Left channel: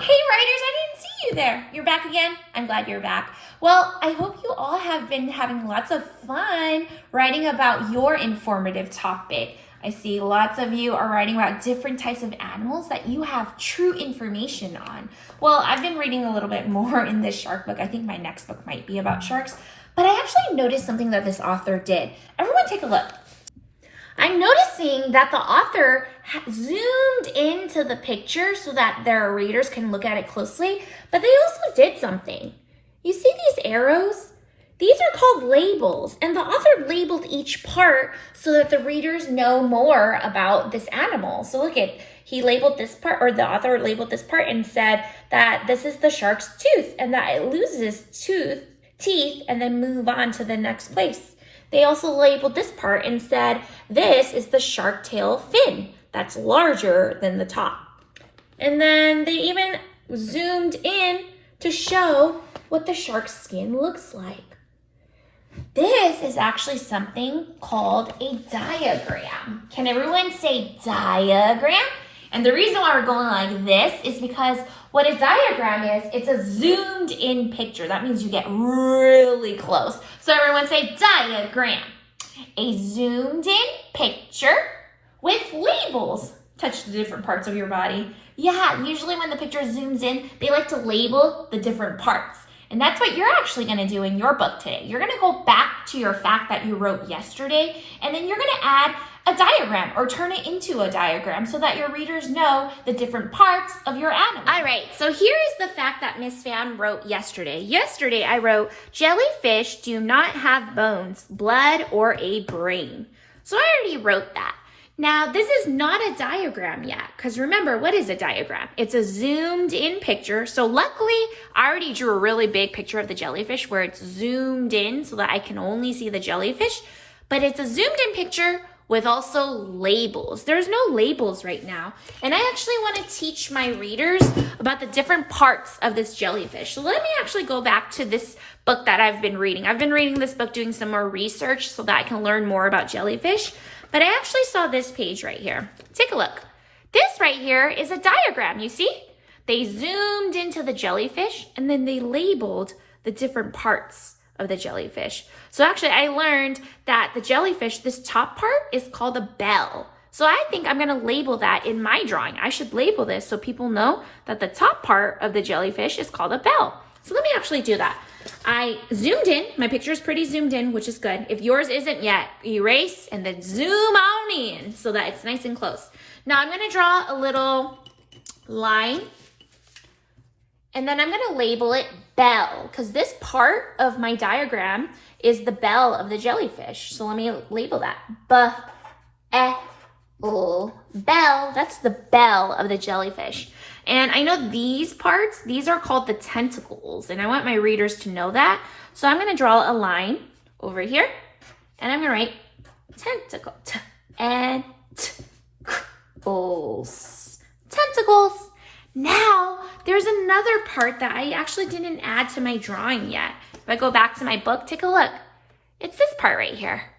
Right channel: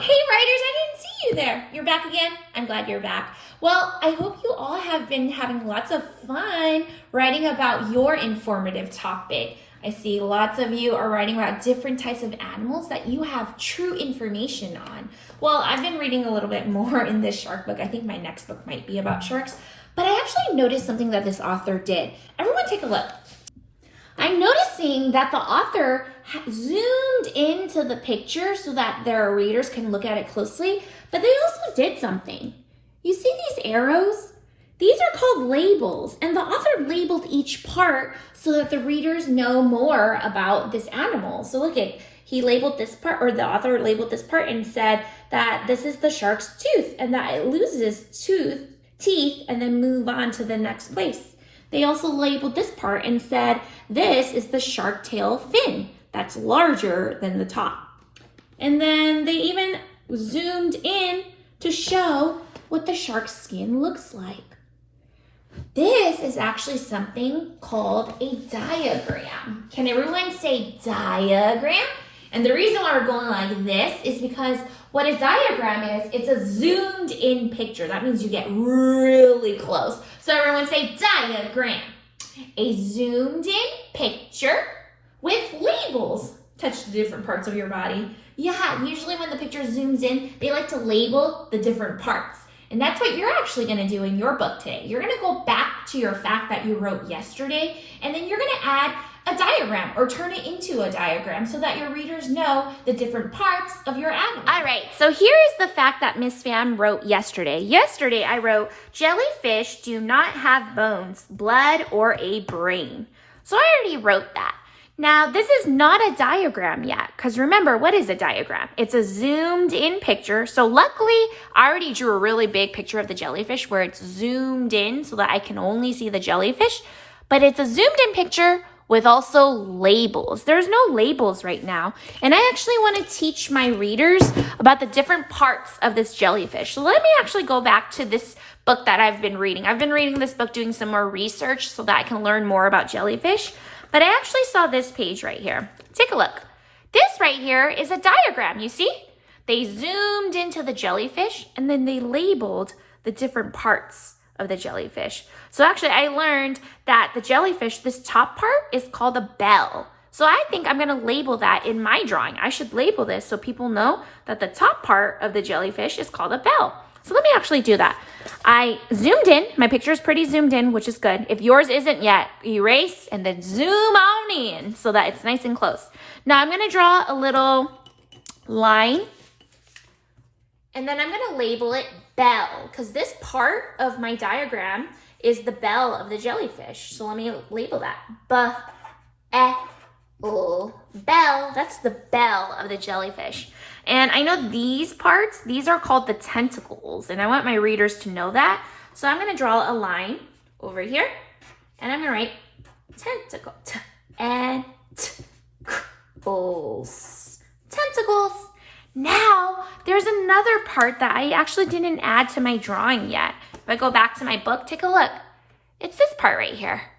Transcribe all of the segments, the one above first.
Hey writers, I didn't see you there. You're back again? I'm glad you're back. Well, I hope you all have been having lots of fun writing about your informative topic. I see lots of you are writing about different types of animals that you have true information on. Well, I've been reading a little bit more in this shark book. I think my next book might be about sharks, but I actually noticed something that this author did. Everyone take a look. I'm noticing that the author zoomed into the picture so that their readers can look at it closely, but they also did something. You see these arrows? These are called labels, and the author labeled each part so that the readers know more about this animal. So look at, he labeled this part, or the author labeled this part and said that this is the shark's tooth and that it loses teeth and then move on to the next place. They also labeled this part and said, this is the shark tail fin that's larger than the top. And then they even zoomed in to show what the shark's skin looks like. This is actually something called a diagram. Can everyone say diagram? And the reason why we're going like this is because what a diagram is, it's a zoomed in picture. That means you get really close. So everyone say diagram. A zoomed in picture with labels. Touch the different parts of your body. Yeah, usually when the picture zooms in, they like to label the different parts. And that's what you're actually gonna do in your book today. You're gonna go back to your fact that you wrote yesterday, and then you're gonna add a diagram or turn it into a diagram so that your readers know the different parts of your animal. All right, so here is the fact that Miss Pham wrote yesterday. Yesterday I wrote, jellyfish do not have bones, blood, or a brain. So I already wrote that. Now, this is not a diagram yet, because remember, what is a diagram? It's a zoomed in picture. So luckily, I already drew a really big picture of the jellyfish where it's zoomed in so that I can only see the jellyfish. But it's a zoomed in picture with also labels. There's no labels right now. And I actually want to teach my readers about the different parts of this jellyfish. So let me actually go back to this book that I've been reading. I've been reading this book, doing some more research so that I can learn more about jellyfish. But I actually saw this page right here. Take a look. This right here is a diagram, you see? They zoomed into the jellyfish and then they labeled the different parts of the jellyfish. So actually I learned that the jellyfish, this top part is called a bell. So I think I'm gonna label that in my drawing. I should label this so people know that the top part of the jellyfish is called a bell. So let me actually do that. I zoomed in, my picture is pretty zoomed in, which is good. If yours isn't yet, erase and then zoom on in so that it's nice and close. Now I'm gonna draw a little line and then I'm gonna label it bell because this part of my diagram is the bell of the jellyfish. So let me label that. Bell, that's the bell of the jellyfish. And I know these parts, these are called the tentacles, and I want my readers to know that. So I'm gonna draw a line over here, and I'm gonna write tentacle, tentacles. Now, there's another part that I actually didn't add to my drawing yet. If I go back to my book, take a look. It's this part right here.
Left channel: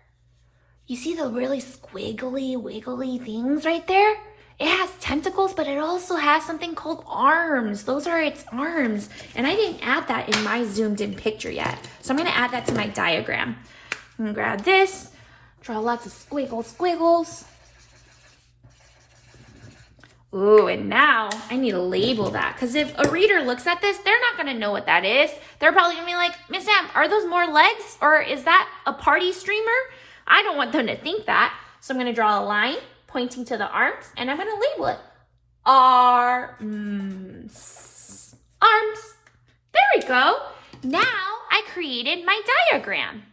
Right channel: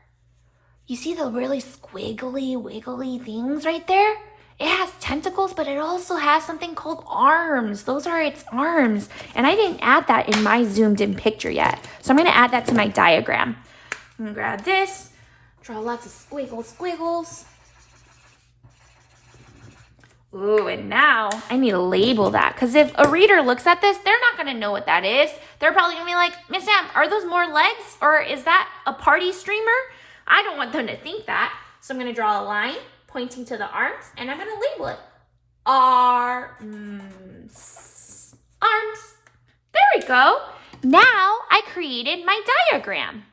You see the really squiggly, wiggly things right there? It has tentacles, but it also has something called arms. Those are its arms. And I didn't add that in my zoomed in picture yet. So I'm gonna add that to my diagram. I'm gonna grab this, draw lots of squiggles. Ooh, and now I need to label that because if a reader looks at this, they're not gonna know what that is. They're probably gonna be like, Miss Pham, are those more legs or is that a party streamer? I don't want them to think that. So I'm gonna draw a line pointing to the arms and I'm gonna label it. Arms. There we go. Now I created my diagram.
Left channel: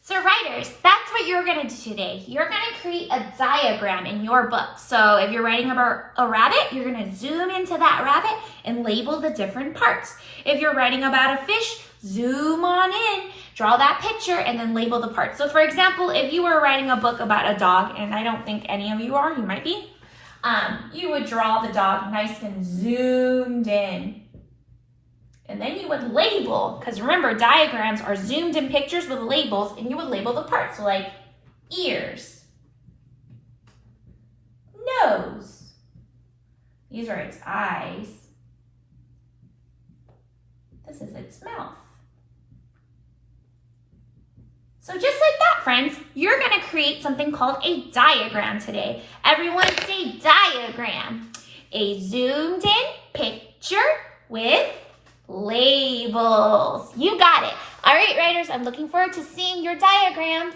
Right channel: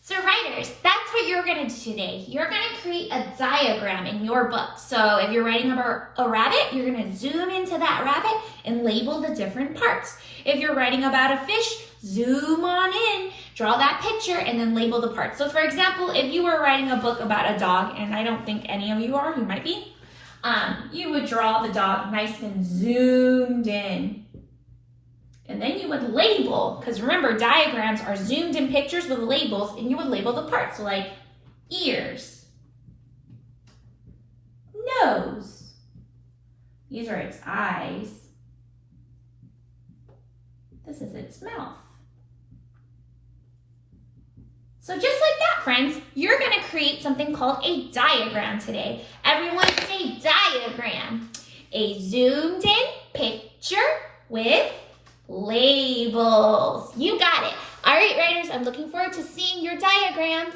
So writers, that's what you're gonna do today. You're gonna create a diagram in your book. So if you're writing about a rabbit, you're gonna zoom into that rabbit and label the different parts. If you're writing about a fish, zoom on in, draw that picture, and then label the parts. So for example, if you were writing a book about a dog, and I don't think any of you are, you might be, you would draw the dog nice and zoomed in. And then you would label, because remember, diagrams are zoomed in pictures with labels, and you would label the parts. So like ears, nose, these are its eyes, This is its mouth. So just like that, friends, you're gonna create something called a diagram today. Everyone say diagram. A zoomed in picture with labels. You got it. All right, writers, I'm looking forward to seeing your diagrams.